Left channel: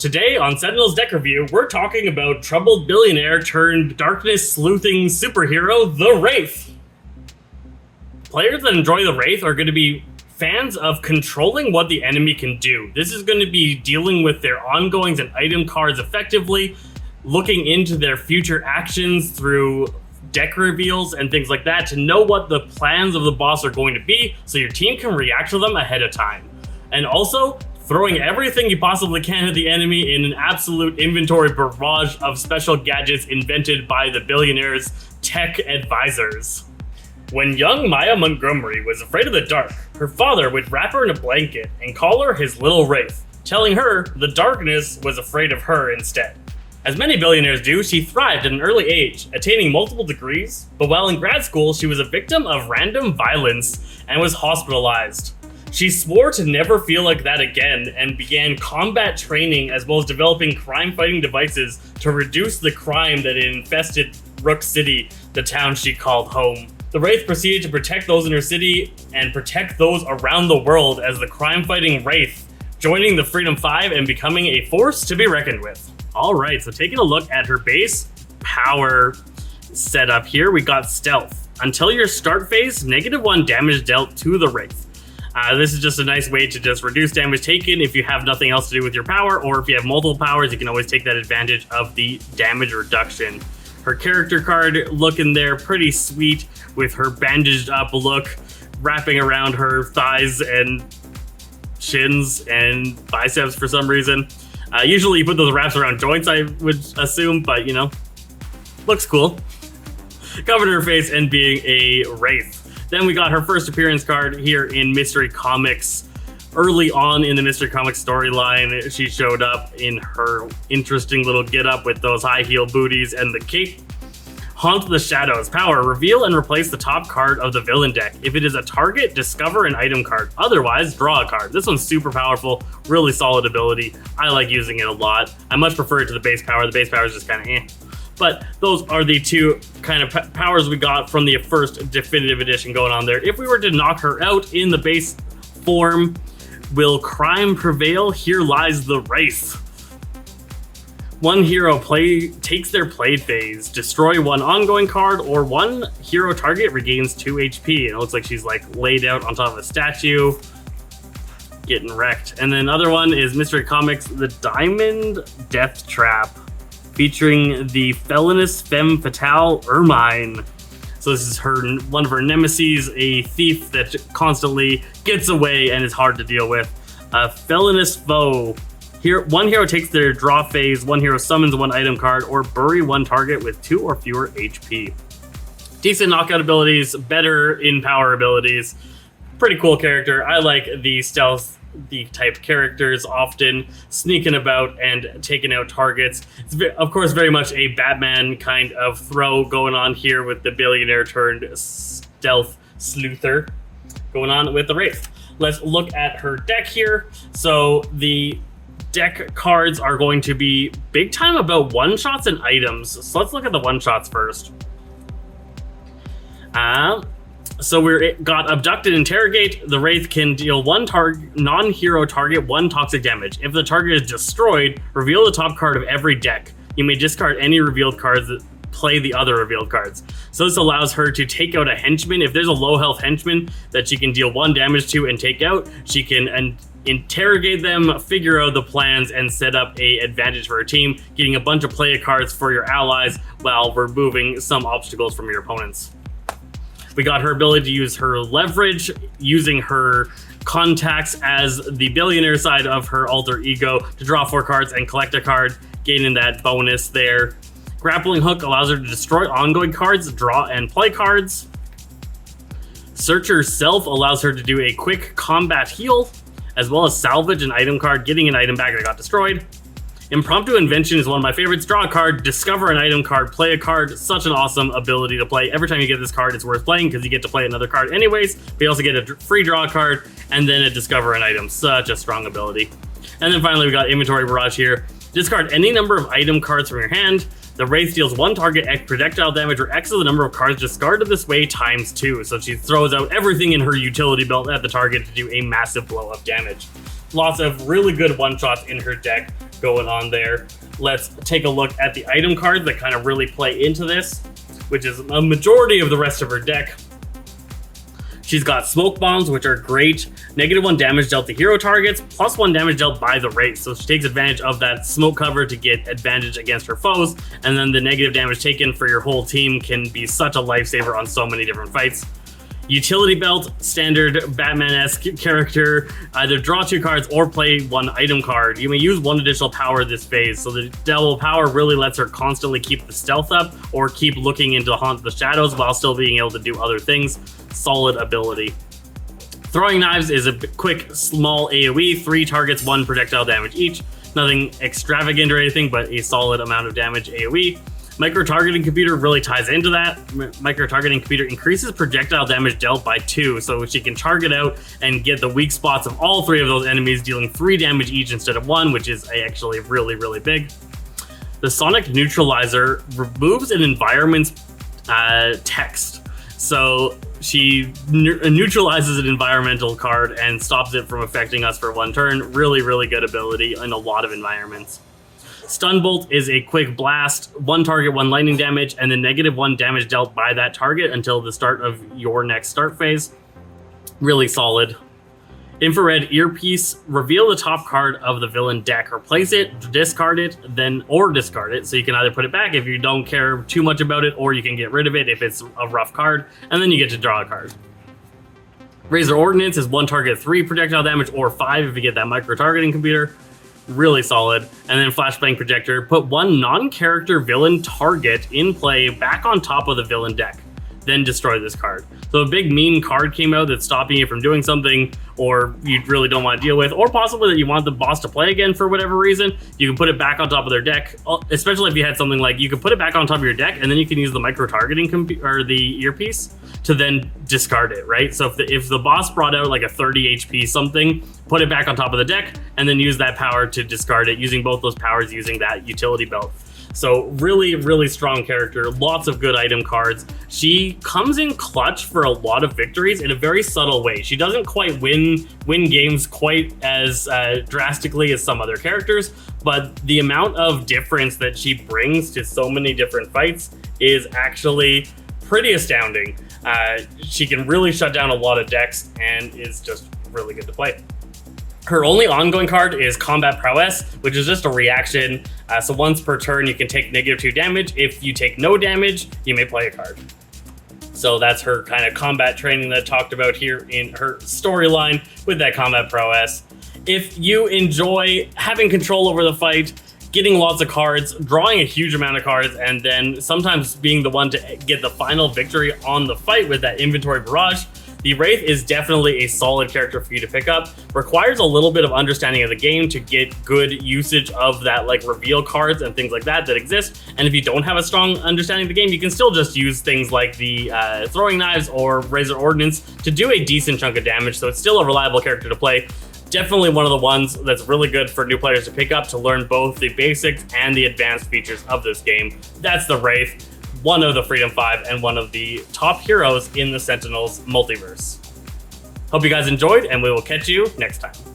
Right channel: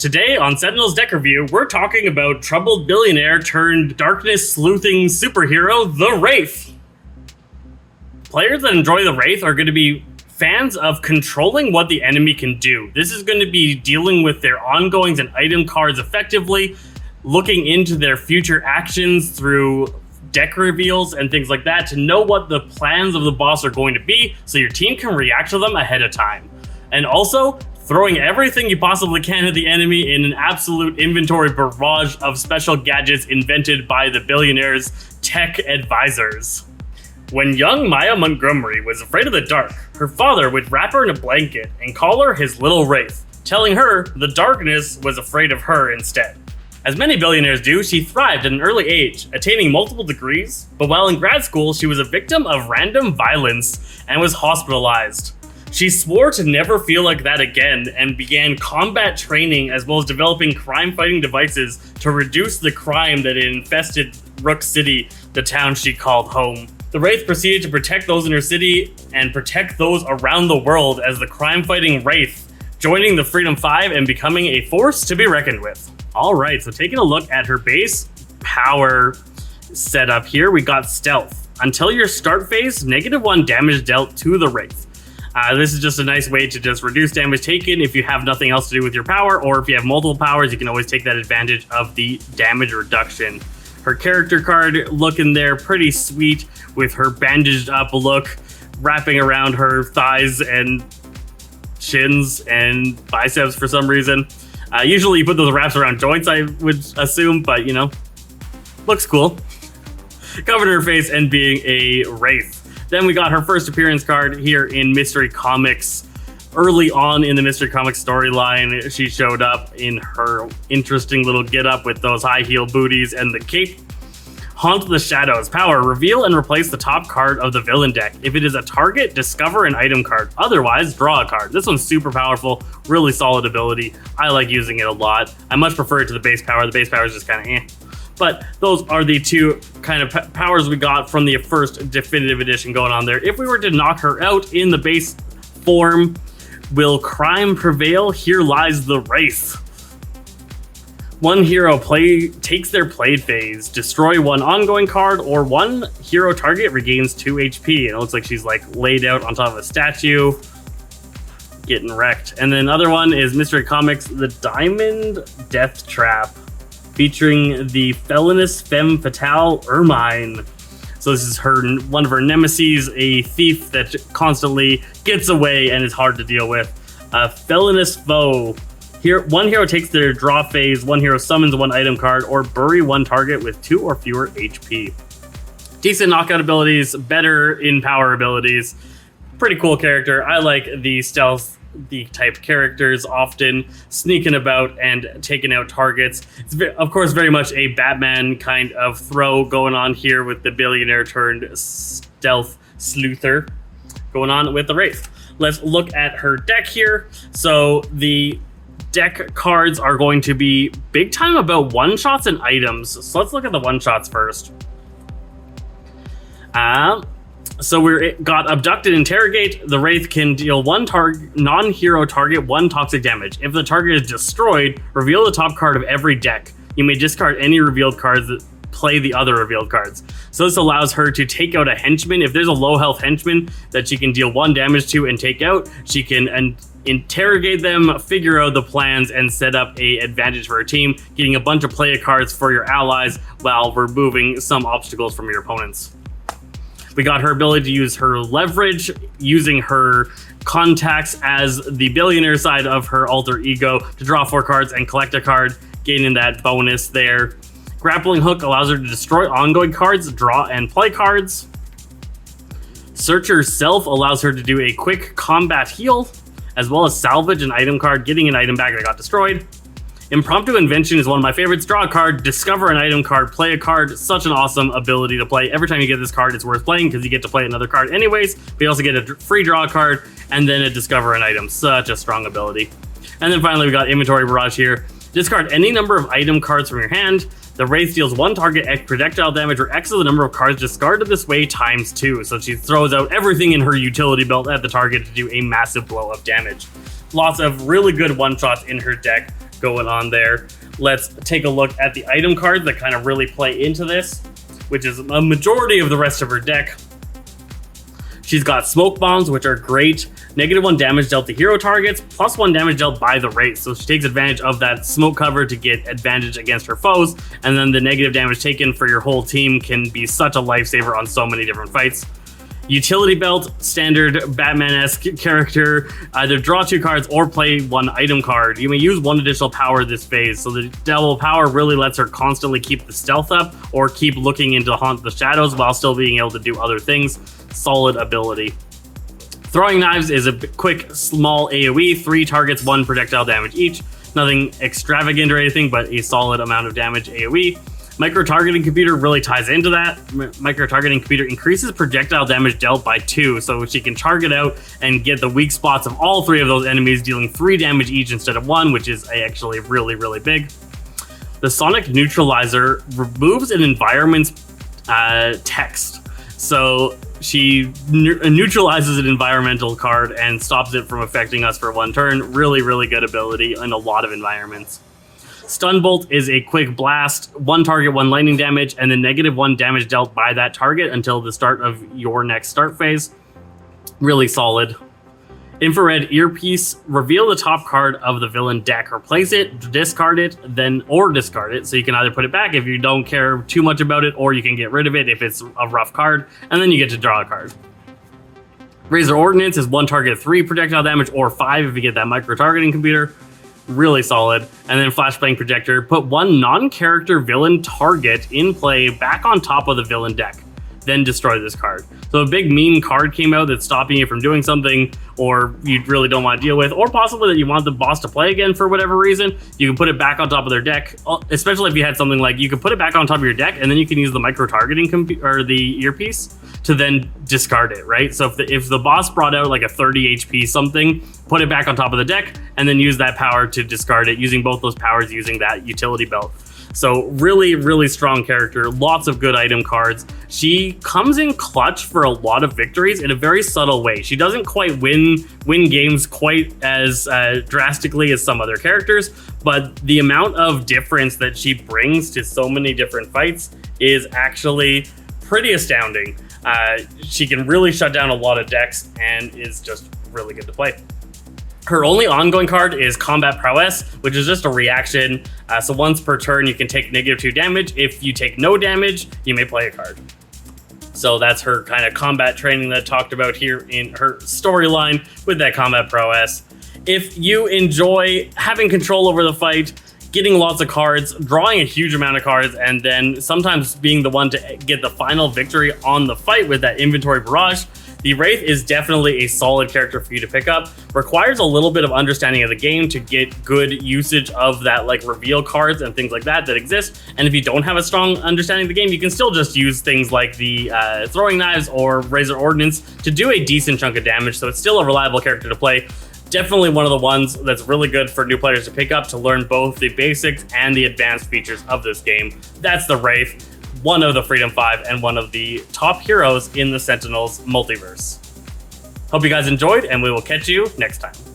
Today on Sentinels Deck Review, we're talking about troubled billionaire turned darkness sleuthing superhero, the Wraith. Players that enjoy the Wraith are going to be fans of controlling what the enemy can do. This is going to be dealing with their ongoings and item cards effectively, looking into their future actions through deck reveals and things like that to know what the plans of the boss are going to be so your team can react to them ahead of time. And also, throwing everything you possibly can at the enemy in an absolute inventory barrage of special gadgets invented by the billionaire's tech advisors. When young Maya Montgomery was afraid of the dark, her father would wrap her in a blanket and call her his little Wraith, telling her the darkness was afraid of her instead. As many billionaires do, she thrived at an early age, attaining multiple degrees, but while in grad school, she was a victim of random violence and was hospitalized. She swore to never feel like that again and began combat training as well as developing crime-fighting devices to reduce the crime that infested Rook City, the town she called home. The Wraith proceeded to protect those in her city and protect those around the world as the crime-fighting Wraith, joining the Freedom 5 and becoming a force to be reckoned with. Alright, so taking a look at her base power setup here, we got Stealth. Until your start phase, -1 damage dealt to the Wraith. This is just a nice way to just reduce damage taken if you have nothing else to do with your power, or if you have multiple powers, you can always take that advantage of the damage reduction. Her character card looking there pretty sweet with her bandaged up look wrapping around her thighs and shins and biceps for some reason. Usually you put those wraps around joints, I would assume, but you know, looks cool. Covering her face and being a Wraith. Then we got her first appearance card here in Mystery Comics. Early on in the Mystery Comics storyline, she showed up in her interesting little getup with those high heel booties and the cape. Haunt the Shadows. Power. Reveal and replace the top card of the villain deck. If it is a target, discover an item card. Otherwise, draw a card. This one's super powerful, really solid ability. I like using it a lot. I much prefer it to the base power. The base power is just kind of eh. But those are the two kind of powers we got from the first Definitive Edition going on there. If we were to knock her out in the base form, will crime prevail? Here lies the Wraith. One hero takes their play phase, destroy one ongoing card, or one hero target regains 2 HP. And it looks like she's like laid out on top of a statue, getting wrecked. And then another one is Mystery Comics, the Diamond Death Trap, featuring the felonious femme fatale Ermine. So this is one of her nemesis, a thief that constantly gets away and is hard to deal with. A felonious foe. Here, one hero takes their draw phase, one hero summons one item card, or bury one target with 2 or fewer HP. Decent knockout abilities, better in power abilities. Pretty cool character. I like the stealth type characters, often sneaking about and taking out targets. It's of course very much a Batman kind of throw going on here with the billionaire turned stealth sleuther going on with the Wraith. Let's look at her deck here. So the deck cards are going to be big time about one-shots and items. So let's look at the one-shots first. So we got Abduct and Interrogate. The Wraith can deal one non-hero target 1 toxic damage. If the target is destroyed, reveal the top card of every deck. You may discard any revealed cards that play the other revealed cards. So this allows her to take out a henchman. If there's a low health henchman that she can deal 1 damage to and take out, she can interrogate them, figure out the plans, and set up a advantage for her team, getting a bunch of play cards for your allies while removing some obstacles from your opponents. We got her ability to use her leverage, using her contacts as the billionaire side of her alter ego to draw 4 cards and collect a card, gaining that bonus there. Grappling Hook allows her to destroy ongoing cards, draw and play cards. Searcher Self allows her to do a quick combat heal, as well as salvage an item card, getting an item back that got destroyed. Impromptu Invention is one of my favorites. Draw a card, discover an item card, play a card. Such an awesome ability to play. Every time you get this card, it's worth playing because you get to play another card anyways. But you also get a free draw card and then a discover an item. Such a strong ability. And then finally, we got Inventory Barrage here. Discard any number of item cards from your hand. The Wraith deals 1 target X projectile damage, or X is the number of cards discarded this way times 2. So she throws out everything in her utility belt at the target to do a massive blow of damage. Lots of really good one-shots in her deck. going on there. Let's take a look at the item cards that kind of really play into this, which is a majority of the rest of her deck. She's got smoke bombs, which are great. -1 damage dealt to hero targets, +1 damage dealt by the Wraith. So she takes advantage of that smoke cover to get advantage against her foes, and then the negative damage taken for your whole team can be such a lifesaver on so many different fights. Utility belt, standard Batman-esque character, either draw 2 cards or play 1 item card. You may use 1 additional power this phase, so the double power really lets her constantly keep the stealth up or keep looking into haunt the shadows while still being able to do other things. Solid ability. Throwing knives is a quick, small AoE, 3 targets, 1 projectile damage each. Nothing extravagant or anything, but a solid amount of damage AoE. Micro-targeting computer really ties into that. Micro-targeting computer increases projectile damage dealt by 2, so she can target out and get the weak spots of all 3 of those enemies, dealing 3 damage each instead of 1, which is actually really, really big. The Sonic Neutralizer removes an environment's text. So she neutralizes an environmental card and stops it from affecting us for 1 turn. Really, really good ability in a lot of environments. Stun Bolt is a quick blast, 1 target, 1 lightning damage, and then -1 damage dealt by that target until the start of your next start phase. Really solid. Infrared Earpiece, reveal the top card of the villain deck. Replace it, discard it, or discard it. So you can either put it back if you don't care too much about it, or you can get rid of it if it's a rough card, and then you get to draw a card. Razor Ordnance is 1 target, 3 projectile damage, or 5 if you get that micro-targeting computer. Really solid. And then Flashbang Projector, put 1 non-character villain target in play back on top of the villain deck, then destroy this card. So a big mean card came out that's stopping you from doing something, or you really don't want to deal with, or possibly that you want the boss to play again for whatever reason. You can put it back on top of their deck, especially if you had something like, you can put it back on top of your deck, and then you can use the micro-targeting or the earpiece to then discard it, right? So if the boss brought out like a 30 HP something, put it back on top of the deck, and then use that power to discard it, using both those powers using that utility belt. So really, really strong character, lots of good item cards. She comes in clutch for a lot of victories in a very subtle way. She doesn't quite win games quite as drastically as some other characters, but the amount of difference that she brings to so many different fights is actually pretty astounding. She can really shut down a lot of decks and is just really good to play. Her only ongoing card is Combat Prowess, which is just a reaction. So once per turn, you can take -2 damage. If you take no damage, you may play a card. So that's her kind of combat training that I talked about here in her storyline with that Combat Prowess. If you enjoy having control over the fight, getting lots of cards, drawing a huge amount of cards, and then sometimes being the one to get the final victory on the fight with that inventory barrage, the Wraith is definitely a solid character for you to pick up. Requires a little bit of understanding of the game to get good usage of that, like reveal cards and things like that exist. And if you don't have a strong understanding of the game, you can still just use things like the throwing knives or Razor Ordnance to do a decent chunk of damage. So it's still a reliable character to play. Definitely one of the ones that's really good for new players to pick up to learn both the basics and the advanced features of this game. That's the Wraith, one of the Freedom 5 and one of the top heroes in the Sentinels multiverse. Hope you guys enjoyed, and we will catch you next time.